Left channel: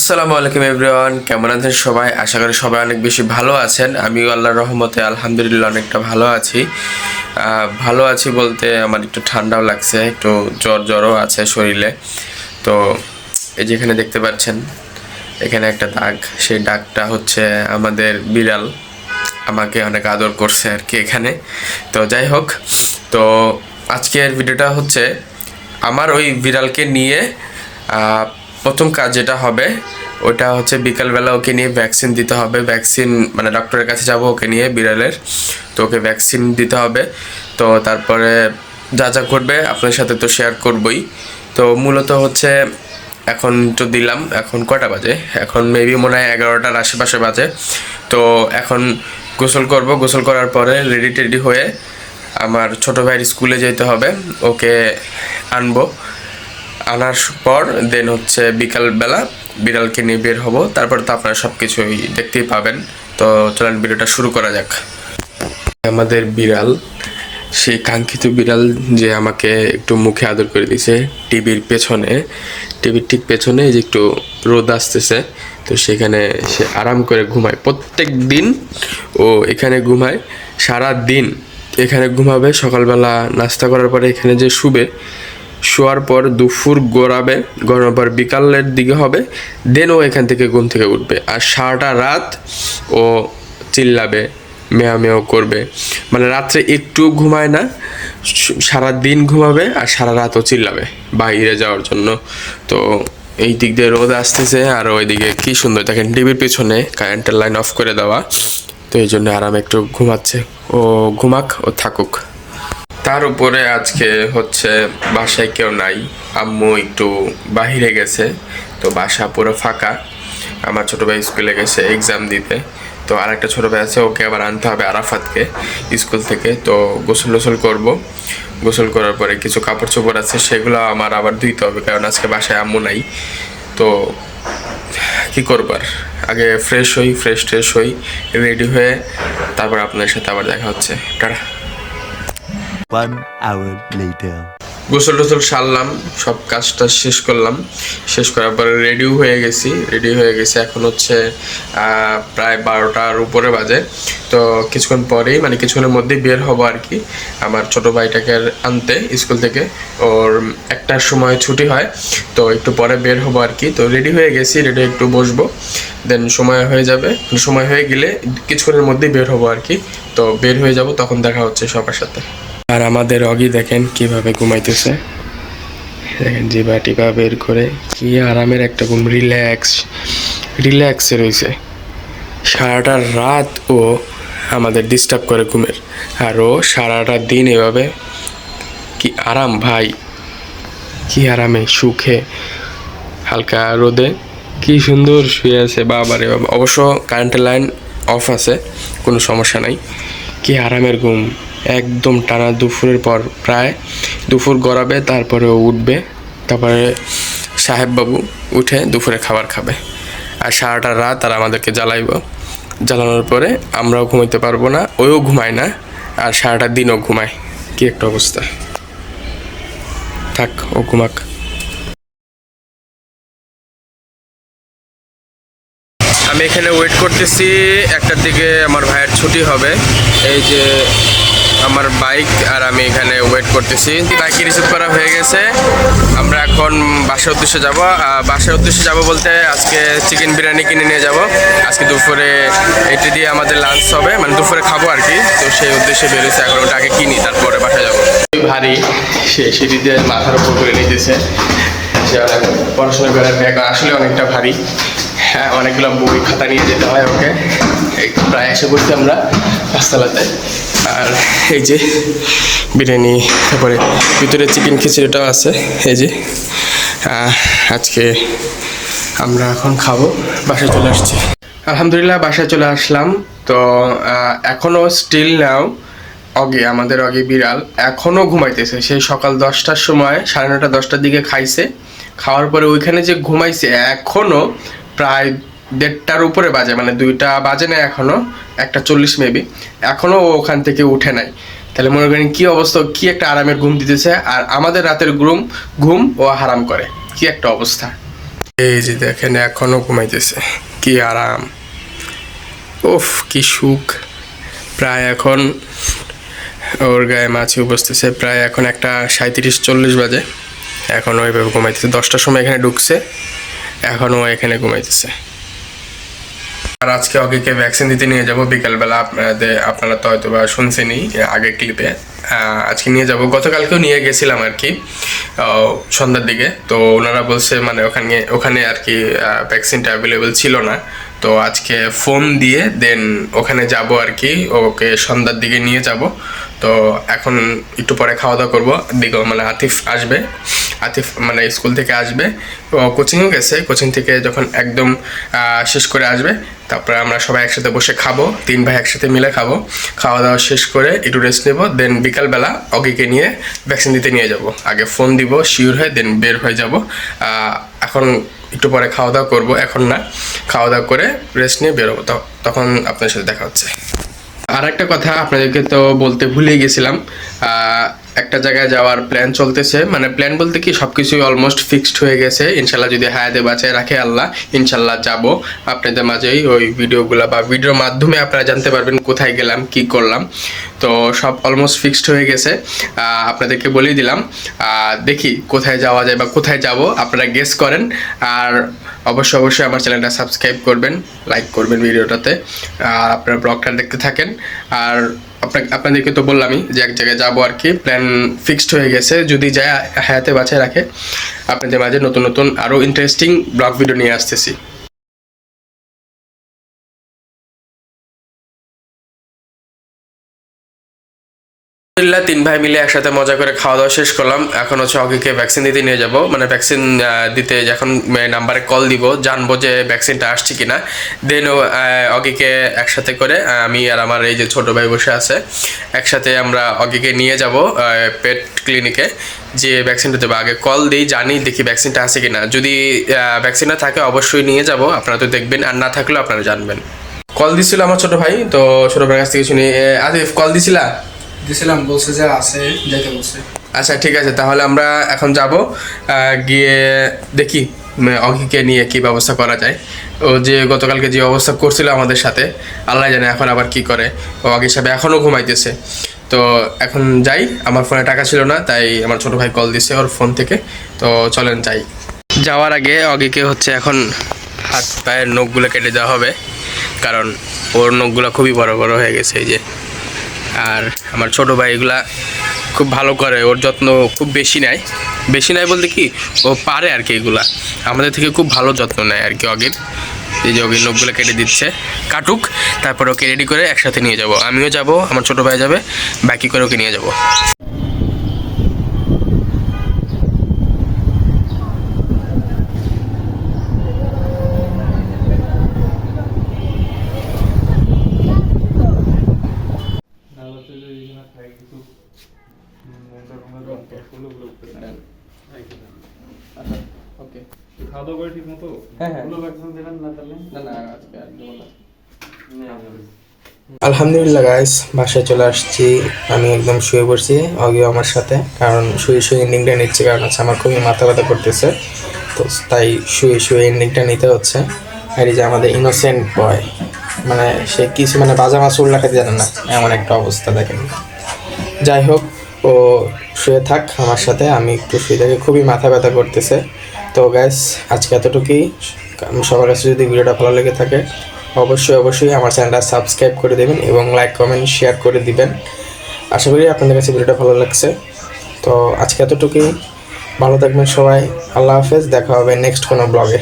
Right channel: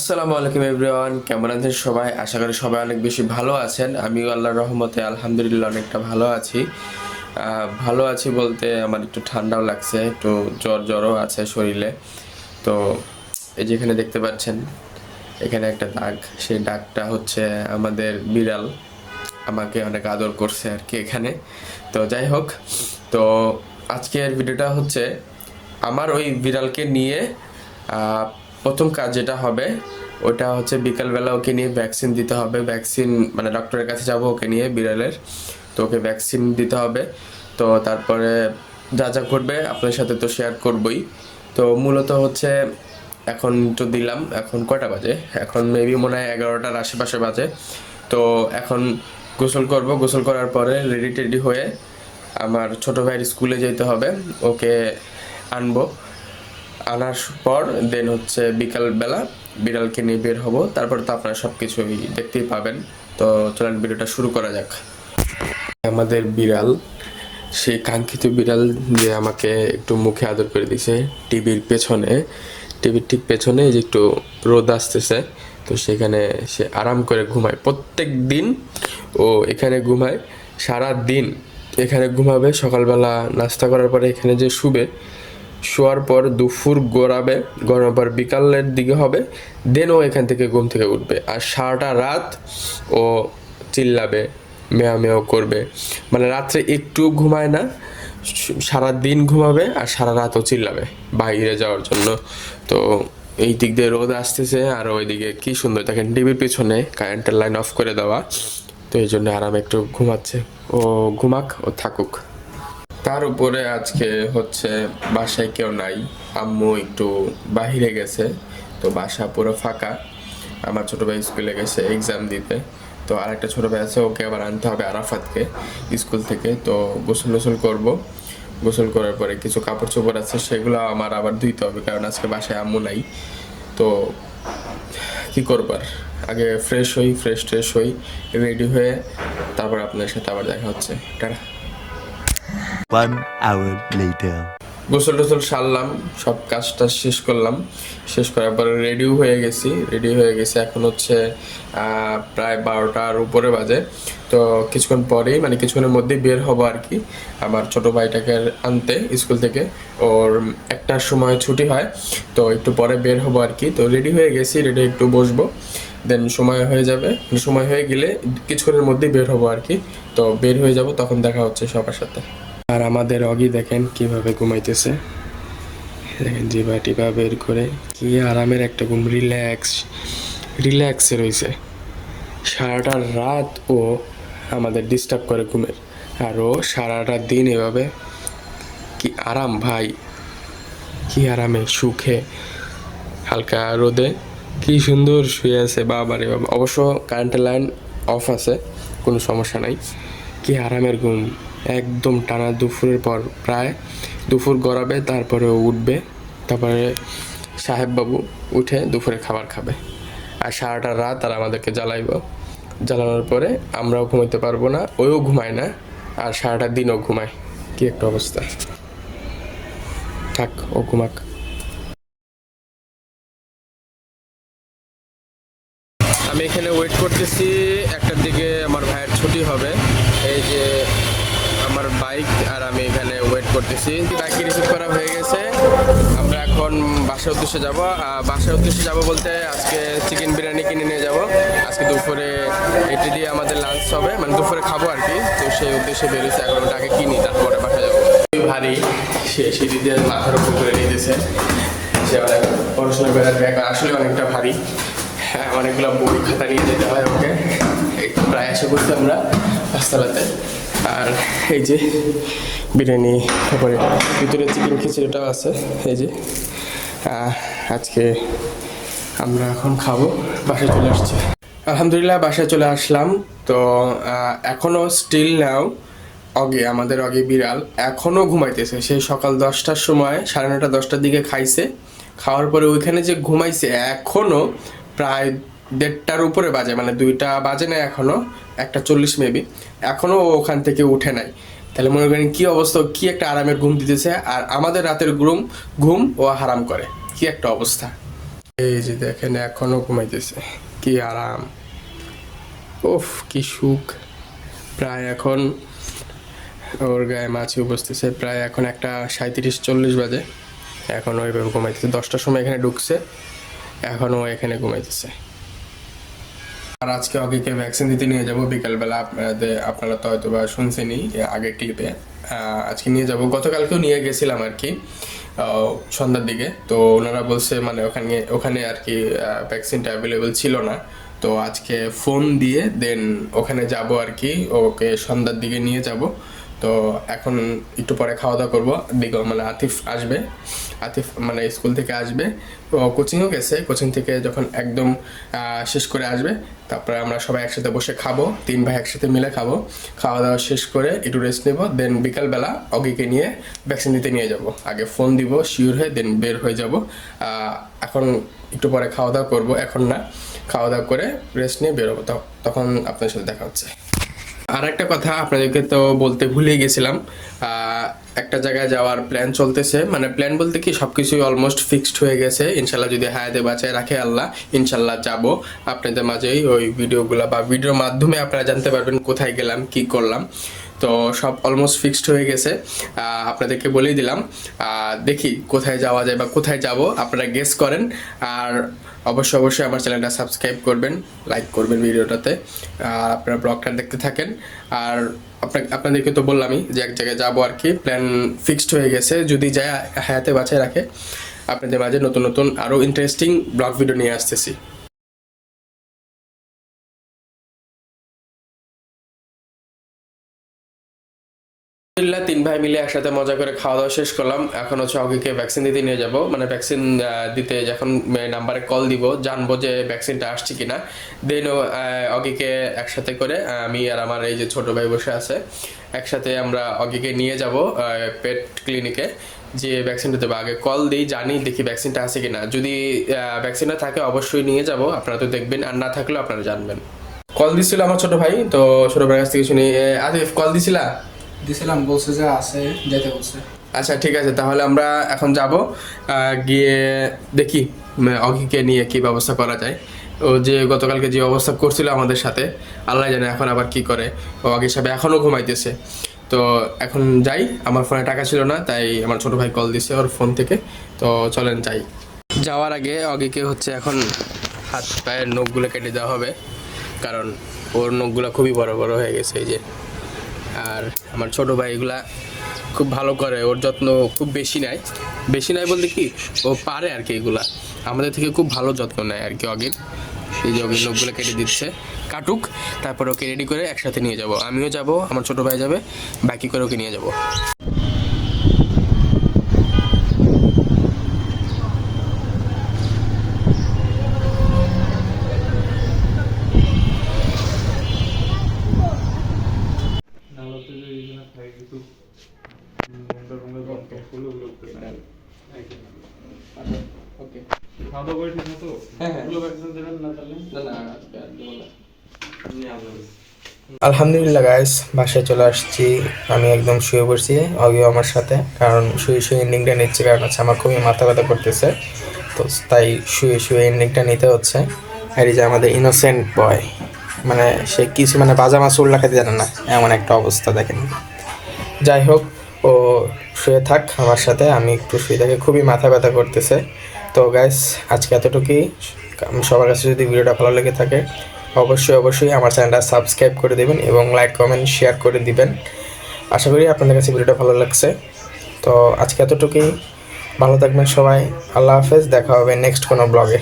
আসসালামু আলাইকুম এভরিওয়ান, কেমন আছেন সবাই? আশা করি সবাই অনেক বেশি ভালো আছেন। আমিও আল্লাহর রহমতে আলহামদুলিল্লাহ অনেকটা ভালো আছি বলতে আমার একটু ঠান্ডাও লাগছে, একটু জ্বরও আছে শরীরে। তো এই যেখানে দেখতে পাচ্ছেন, এখানে একটা দাগ, সেই দাগটা হচ্ছে আমাদের বিড়াল আমাকে অনেক আদর করছে আর কি এখানে। তো যাই হোক, তো আজকের ভিডিওটা হচ্ছে আমার ওই বিড়ালকে নিয়ে প্রথম কাজ যেটা হবে ওটা হচ্ছে বিকালবেলা ওকে নিয়ে ভ্যাকসিন দিতে হবে। ভ্যাকসিন মানে ডক্টরের কাছে যাব ওকে নিয়ে বিড়ালের, তো ওকে ভ্যাকসিন দিতে হবে। তো তারপরে যা যা করবে আপনার সাথে তো শেয়ার করবই। তো মূলত হচ্ছে এখন তো দিলাম, এখন কয়টা বাজে? এখন মেবি মনে হয় 11টার আশেপাশে বাজে। তো এখন গোসল করব, গোসল করার পরে রেডি টেডি হয়ে আমার ছোটো ভাইয়ের স্কুলে যেতে হবে, ওকে আনবো। আনার পর দেন হচ্ছে বিকালবেলা বিড়ালকে নিয়ে বের হব। তারপর তো আপনারা সব কিছুই দেখতেই পাবেন। তো চলেন ভিডিওটা শুরু করা যাক। আমাদের বিড়াল, সেই কাঙ্ক্ষিত বিড়াল যে আমাকে একটু মুখে আদর করে দিছে টিভির পেছনে, টিভির ঠিক পেছনে যে একটু রোদ আসতেছে, তো সেখানে সে আরাম করে ঘুমায়। প্রত্যেক দিন ও এখানে ঘুমায়, সারা দিন এখানে ঘুমাবে। সকালবেলা নাস্তা করার পরে এখানে যে শুবে, শোয়ার পর দুপুর গড়ানোর পর বিকালের দিকে হবে, দেন ও এখান থেকে ঘুম থেকে উঠবে। আর সারাটা রাত ও চিল্লাবে, মেয়া মেয়াও করবে, মানে রাত্রে একটু ঘুমায় না, সারা দিন ঘুমাবে আর সারা রাতও চিল্লাবে বাইরে যাওয়ার জন্য। তো এই দিক দিয়ে রোদ আসতেছে আর ওইদিকে কি সুন্দর দেখেন, টিভির পিছনে কারেন্টের লাইন অফ করে দেওয়া, তো এই জন্য আরামে একটু ঘুমাচ্ছে। ও ঘুমাক, ও থাকুক। তার উপরে আজকে হচ্ছে বাসায় কেউ নাই, আম্মু একটু বাহিরে গেছে, তো বাসা পুরো ফাঁকা। আমার ছোটো ভাই স্কুলে গেছে এক্সাম দিতে। তো আরেকটা ছোটো ভাই আছে, ওকে আবার আনতে হবে আরাফাতকে স্কুল থেকে। তো গোসল করবো, গোসল করার পরে কিছু কাপড় চোপড় আছে সেগুলো আমার আবার ধুইতে হবে, কারণ আজকে বাসায় আম্মু নাই। তো কী করবার, আগে ফ্রেশ হই, রেডি হয়ে তারপর আপনার সাথে আবার দেখা হচ্ছে। টাটা। 1 hour later. গোসল টোসল সারলাম, সব কাজটা শেষ করলাম। শেষ করার পরে রেডি হয়ে গেছি। এখন হচ্ছে প্রায় 12টার উপরে বাজে। তো কিছুক্ষণ পরেই, মানে কিছুক্ষণের মধ্যেই বের হবো আর কি, আমার ছোটো ভাইটাকে আনতে স্কুল থেকে। ওর 1টার সময় ছুটি হয়, তো একটু পরে বের হবো আর কি। তো রেডি হয়ে গেছি, রেডি একটু বসবো, দেন সময় হয়ে যাবে। সময় হয়ে গেলে কিছুক্ষণের মধ্যেই বের হবো আর কি। তো বের হয়ে যাব, তখন দেখা হচ্ছে সবার সাথে। আর আমাদের অগি দেখেন কিভাবে ঘুমাইতেছে, দেখেন জিভা টিভা বের করে কি আরামের একটা ঘুম, রিল্যাক্সে রয়েছে। সারাটা রাত ও আমাদের ডিস্টার্ব করে ঘুমের, আর ও সারাটা দিন এভাবে কি আরাম ভাই, কি আরামে সুখে হালকা রোদে কি সুন্দর শুয়ে আছে। বাবারে বাবা, অবশ্য কারেন্টের লাইন অফ আছে, কোনো সমস্যা নাই। কি আরামের ঘুম, একদম টানা দুপুরের পর, প্রায় দুপুর গড়াবে, তারপরে ও উঠবে। তারপরে সাহেববাবু উঠে দুপুরে খাবার খাবে, আর সারাটা রাত আর আমাদেরকে জ্বালানোর পরে আমরাও ঘুমাইতে পারবো না, ওও ঘুমায় না, আর সারাটা দিনও ঘুমায়। কি একটা অবস্থা, থাক ও ঘুমাক। আমি এখানে ওয়েট করতেছি, 1টার দিকে আমার ভাইয়ের ছুটি হবে। এই যে আমার বাইক আর আমি এখানে ওয়েট করতেছি। বাইকে রিসিভ করা হয়ে গেছে, আমরা এখন বাসার উদ্দেশ্যে যাব বলতে আজকে চিকেন বিরিয়ানি কিনে নিয়ে যাব। আজকে দুপুরে এটি দিয়ে আমাদের লাঞ্চ হবে, মানে দুপুরে খাবো আর কি। তো সেই উদ্দেশ্যে বেরোচ্ছে, এখন ওটা আগে কিনি তারপরে বাসায় যাবো। ভারী, সে সিঁড়ি দিয়ে মাথার উপর করে নিতেছে, সে অনেক পড়াশোনা করার ব্যাগ আসলে অনেকটা ভারী। হ্যাঁ, অনেকগুলো বই খাতা নিয়ে যেতে হয় ওকে। এই প্রায় এসে পড়ছি আমরা পাঁচতলাতে। আর এই যে বিরিয়ানি, তারপরে ভিতরে চিকেন খিচুড়িটাও আছে। এই যে আজকে আমরা এখন খাবো। বাসায় চলে আসছি, আলহামদুলিল্লাহ বাসায় চলে আসলাম। তো এখনও স্টিল নাও আমাদের বিড়াল এখনও ঘুমাইতেছে। সেই সকাল 10টার সময়, 9:30 10টার দিকে খাইছে, খাওয়ার পরে ওইখানে যে ঘুমাইছে এখনও প্রায় 1:30টার উপরে বাজে, মানে 2টা বাজে না এখনও, 1:40 মেবি, এখনও ও ওখান থেকে উঠে নাই। তাহলে মনে করেন কি অবস্থা, কি একটা আরামের ঘুম দিতেছে, আর আমাদের রাতের ঘুম ও হারাম করে, কি একটা অবস্থা। এই যে দেখেন এখনো ঘুমাইতেছে, কি আরাম, উফ কি সুখ। প্রায় এখন ওর গায়ে মাছি বসতেছে, প্রায় এখন 1:37-40 বাজে, এখন ওইভাবে ঘুমাইতেছে। 10টার সময় এখানে ঢুকছে, এখনও এখানে ঘুমাইতেছে। আর আজকে অগিকে ভ্যাকসিন দিতে নিয়ে যাব বিকালবেলা। আপনারা তো হয়তো বা শুনছেনই আগের ক্লিপে। আজকে নিয়ে যাব, গতকালকেও নিয়ে গেছিলাম আর কি সন্ধ্যার দিকে। তো ওনারা বলছে মানে ওখানে আর কি ভ্যাকসিনটা অ্যাভেলেবেল ছিল না। তো আজকে ফোন দিয়ে দেন ওখানে যাব আর কি, ওকে সন্ধ্যার দিকে নিয়ে যাব। তো এখন একটু পরে খাওয়া দাওয়া করবো। মানে আতিফ আসবে, আতিফ মানে স্কুল থেকে আসবে, ও কোচিংও গেছে, কোচিং থেকে যখন একদম শেষ করে আসবে তারপরে আমরা সবাই একসাথে বসে খাবো, 3 ভাই একসাথে মিলে খাবো। খাওয়া দাওয়া শেষ করে একটু রেস্ট নেবো, দেন বিকালবেলা অগিকে নিয়ে ভ্যাকসিন দিতে নিয়ে যাব। আগে ফোন দিব, শিওর হয়ে দেন বের হয়ে যাব। এখন একটু পরে খাওয়া দাওয়া করবো, এখন না, খাওয়া দাওয়া করে রেস্ট নিয়ে বেরোবো, তখন আপনার সাথে দেখা হচ্ছে। আর একটা কথা আপনাদেরকে তো বলতে ভুলে গেছিলাম, একটা জায়গায় যাওয়ার প্ল্যান চলতেছে। মানে প্ল্যান বলতে কি সবকিছুই অলমোস্ট ফিক্সড হয়ে গেছে। ইনশাল্লাহ যদি হায়াতে বাঁচায় রাখে আল্লাহ, ইনশাল্লাহ যাব আপনাদের মাঝেই। ওই ভিডিওগুলো বা ভিডিওর মাধ্যমে আপনারা জানতে পারবেন কোথায় গেলাম, কি করলাম। তো সব অলমোস্ট ফিক্সড হয়ে গেছে, আপনাদেরকে বলেই দিলাম। দেখি কোথায় যাওয়া যায় বা কোথায় যাব, আপনারা গেস করেন। আর অবশ্যই আমার চ্যানেলটা সাবস্ক্রাইব করবেন, লাইক করবেন ভিডিওটাতে, আপনারা ব্লগটা দেখতে থাকেন। আর আপনাদেরকে তো বললামই যে এক জায়গায় যাবো আর কি, প্ল্যান ফিক্সড হয়ে গেছে। যদি যায় হায়াতে বাঁচায় রাখে আপনাদের মাঝে নতুন নতুন আরও ইন্টারেস্টিং ব্লগ ভিডিও নিয়ে আসতেছি। 3 ভাই মিলে একসাথে মজা করে খাওয়া দাওয়া শেষ করলাম। এখন হচ্ছে অগিকে ভ্যাকসিন দিতে নিয়ে যাব। মানে ভ্যাকসিন দিতে যখন নাম্বারে কল দিব, জানবো যে ভ্যাকসিনটা আসছে কিনা। দেন অগিকে একসাথে করে আমি আর আমার এই যে ছোট ভাই বসে আছে, একসাথে আমরা অগিকে নিয়ে যাব পেট ক্লিনিকে, যে ভ্যাকসিনটা দেবো। আগে কল দিই, জানি দেখি ভ্যাকসিনটা আছে কিনা। যদি ভ্যাকসিনটা থাকে অবশ্যই নিয়ে যাব, আপনারা তো দেখবেন, আর না থাকলেও আপনারা জানবেন। কল দিছিল আমার ছোট ভাই, তো ছোট ভাইয়ের কাছ থেকে শুনি। আদিফ কল দিছিলা? দিছিলাম, বলছে যে আছে, যেতে বলছে। আচ্ছা ঠিক আছে, তাহলে আমরা এখন যাব, গিয়ে দেখি অঙ্কিকে নিয়ে কি ব্যবস্থা করা যায়। ও যে গতকালকে যে অবস্থা করছিল আমাদের সাথে, আল্লাহ জানে এখন আবার কি করে। ও অঙ্কি সাহেব এখনও ঘুমাইতেছে। তো এখন যাই, আমার ফোনে টাকা ছিল না, তাই আমার ছোটো ভাই কল দিছে ওর ফোন থেকে। তো চলেন যাই। যাওয়ার আগে অঙ্কিকে হচ্ছে এখন হাত পায়ের নখগুলো কেটে দেওয়া হবে, কারণ ওর নখগুলো খুবই বড় বড় হয়ে গেছে এই যে। আর আমার ছোটো ভাই এগুলা খুব ভালো করে, ওর যত্ন খুব বেশি নেয় বলতে কি ও পারে আর কি, এগুলা আমাদের থেকে খুব ভালো যত্ন নেয় আর কি অগির। এই যে অগির নখগুলো কেটে দিচ্ছে, কাটুক, তারপর ওকে রেডি করে একসাথে নিয়ে যাব। আমিও যাব, আমার ছোটো ভাই যাবে, বাকি করে ওকে নিয়ে যাব। আলহামদুলিল্লাহ গাইস, বাসায় চলে আসছি। আমি একদম শুয়ে পড়ছি, অগিও আমার সাথে, কারণ শুয়ে এন্ডিংটা নিচ্ছে, কারণ হচ্ছে আমার খুবই মাথা ব্যথা করতেছে। তো তাই শুয়ে এন্ডিংটা নিতে হচ্ছে। আর এই যে আমাদের ইনোসেন্ট বয়, মানে সে কিছু মানে বাজা মাছ উল্লা খেতে জানে না, এমন একটা অবস্থা দেখেন। যাই হোক, ও শুয়ে থাক আমার সাথে, আমি একটু শুয়ে থাকি, খুবই মাথা ব্যথা করতেছে। তো গাইস আজকে এতটুকুই। সবার কাছে যদি ভিডিওটা ভালো লেগে থাকে অবশ্যই আমার চ্যানেলটা সাবস্ক্রাইব করে দেবেন এবং লাইক কমেন্ট শেয়ার করে দিবেন। আশা করি আপনাদের কাছে ভিডিওটা ভালো লাগছে। তো আজকে এতটুকুই, ভালো থাকবেন সবাই, আল্লাহ হাফেজ, দেখা হবে নেক্সট কোনো ব্লগে।